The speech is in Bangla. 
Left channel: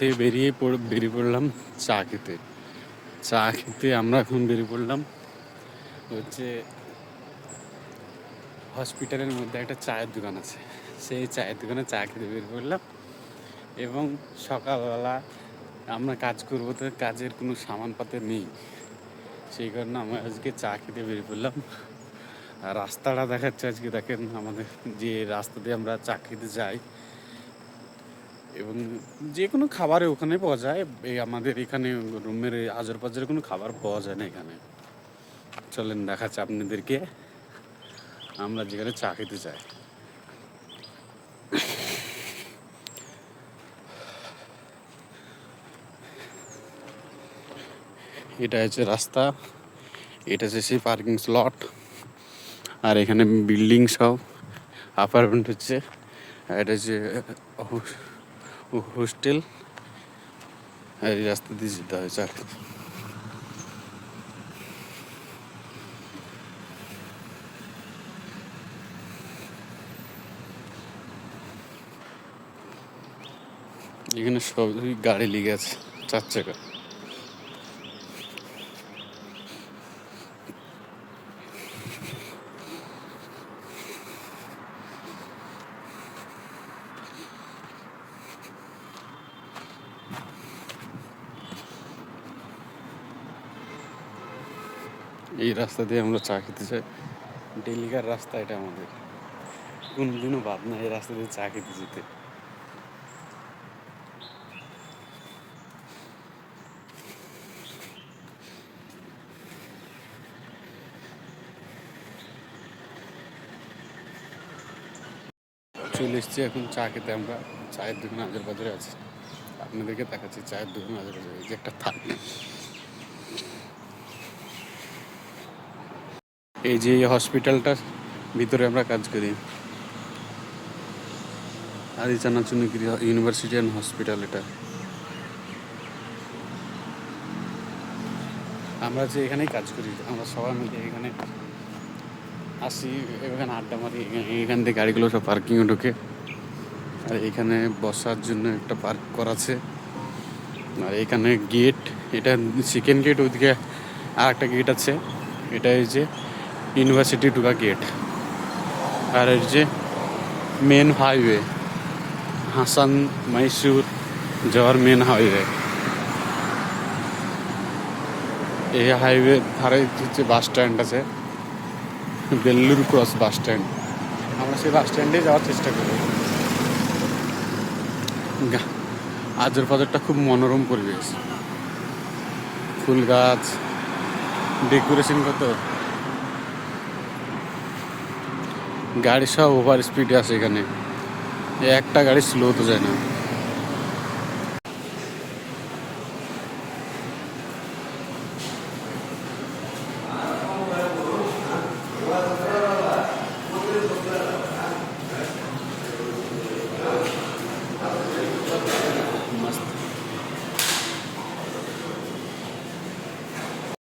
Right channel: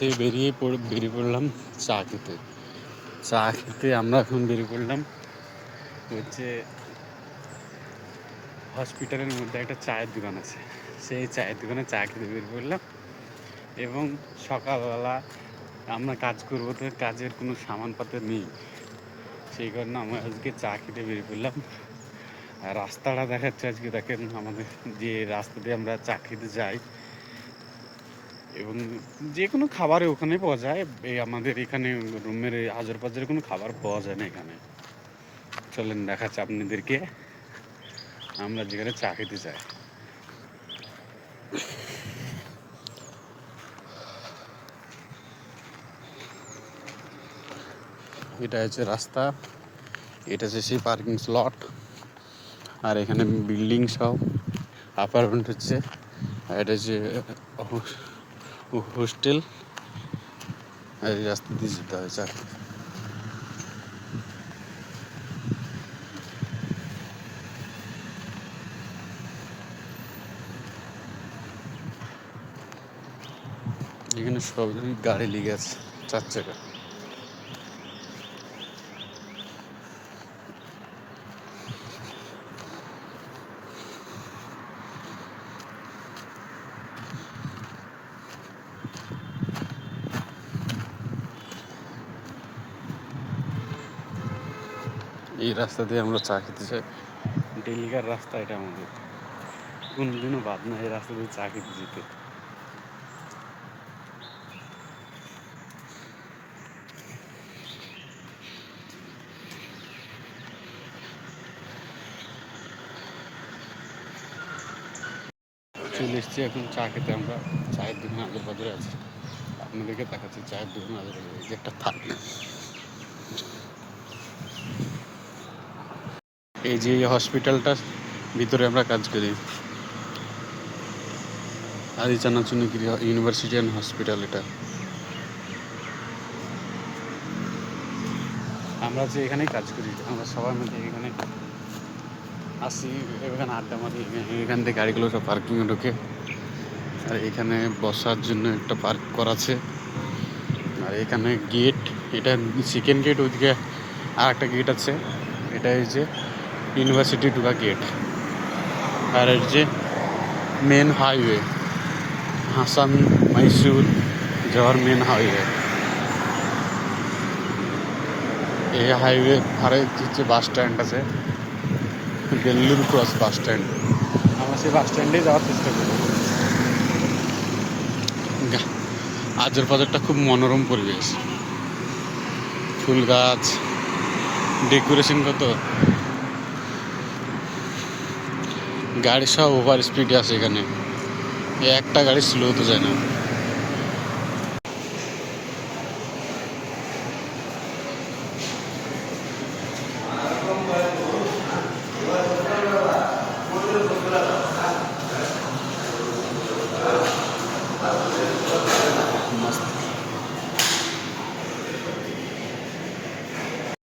থেকে বেরিয়ে পড়লাম চা খেতে। আমরা এখন বেরিয়ে পড়লাম হচ্ছে হসপিটালের মধ্যে একটা চায়ের দোকান আছে, সেই চায়ের দোকানে চা খেতে বেরিয়ে পড়লাম। এবং সকালবেলা আমরা কাজ করবো, তো কাজের কোনো সামানপত্র নেই, সেই কারণে আমরা আজকে চা খেতে বেরিয়ে পড়লাম। আর রাস্তাটা দেখাচ্ছে আজকে, দেখেন আমাদের যে রাস্তা দিয়ে আমরা চা খেতে যাই, এবং যে কোনো খাবারে ওখানে পাওয়া যায়। এই আমাদের এখানে রুমের আজের পাজের কোনো খাবার পাওয়া যায় না এখানে। চলেন দেখাচ্ছে আপনাদেরকে আমরা যেখানে চা খেতে যাই। এটা হচ্ছে রাস্তা, এটা হচ্ছে সেই পার্কিং স্লট, আর এখানে বিল্ডিং সব অ্যাপার্টমেন্ট হচ্ছে। আর এটা হচ্ছে হোস্টেল। এই রাস্তা দিয়ে যেতে হয় চা খেতে। এখানে সবই গাড়ি লেগে আছে, 4 চাকা। এই রাস্তা দিয়ে আমরা চা খেতে যাই, ডেলিকার রাস্তা এটা আমাদের, কোনদিনও বাদ না এই রাস্তা দিয়ে চা খেতে যেতে। চলে এসেছি এখন চা খেতে। আমরা চায়ের দোকানে আগের বাজারে আছি, আপনাদেরকে দেখাচ্ছি চায়ের দোকানে আগের বাজারে যে একটা থাকে। এই যে হসপিটালটার ভিতরে আমরা কাজ করি, আদি চানাচুরগিরি ইউনিভার্সিটি অ্যান্ড হসপিটাল। এটা আমরা যে এখানেই কাজ করি, আমরা সবাই মিলে এখানে আসি, এখানে আড্ডা মারি। এখান থেকে গাড়িগুলো সব পার্কিংয়ে ঢুকে, আর এখানে বসার জন্য একটা পার্ক করা আছে। আর এখানে গেট, এটা সেকেন্ড গেট, ওইদিকে আর একটা গেট আছে। এটা এই যে ইউনিভার্সিটি ঢুকা গেট। আর এই যে মেন হাইওয়ে, হাসান মহীশূর যাওয়ার মেন হাইওয়ে। এই হাইওয়ে ধারে হচ্ছে বাস স্ট্যান্ড আছে, দিল্লির ক্রস বাস স্ট্যান্ড। আমরা সেই বাস স্ট্যান্ডে যাওয়ার চেষ্টা করি। আজের বাজারটা খুব মনোরম পরিবেশ, ফুল গাছ, ডেকোরেশন কত, গাড়ি সব ওভার স্পিডে আছে এখানে, একটা গাড়ি স্লো তো যায় না।